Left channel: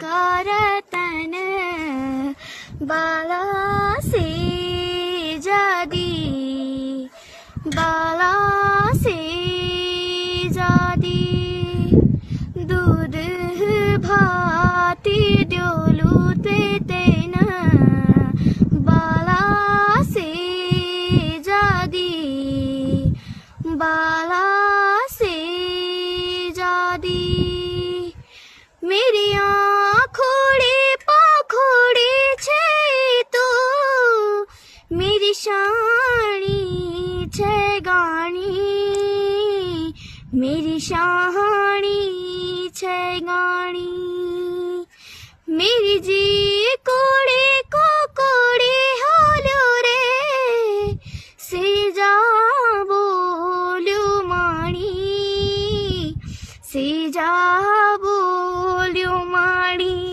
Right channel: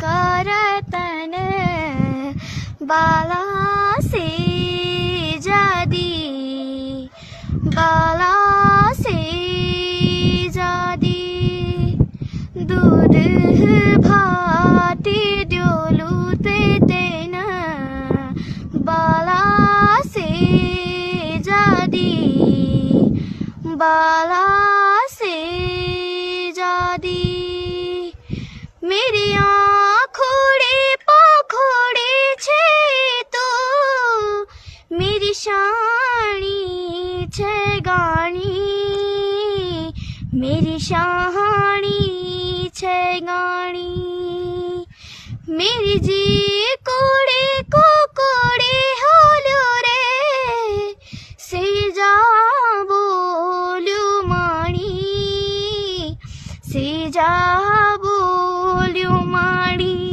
करतन बाला से जादी बाला से जादी दूध भाती डोलूते तेना बाला से जादी बाला से जादी मेरी आँखोड़े पाखोड़े छे तो मेरी शानी छे गानी मेरी शानी छे गानी मेरी जी कोड़े को कोड़े होलो रे से जा बोलू माणी से जा बोलू माणी।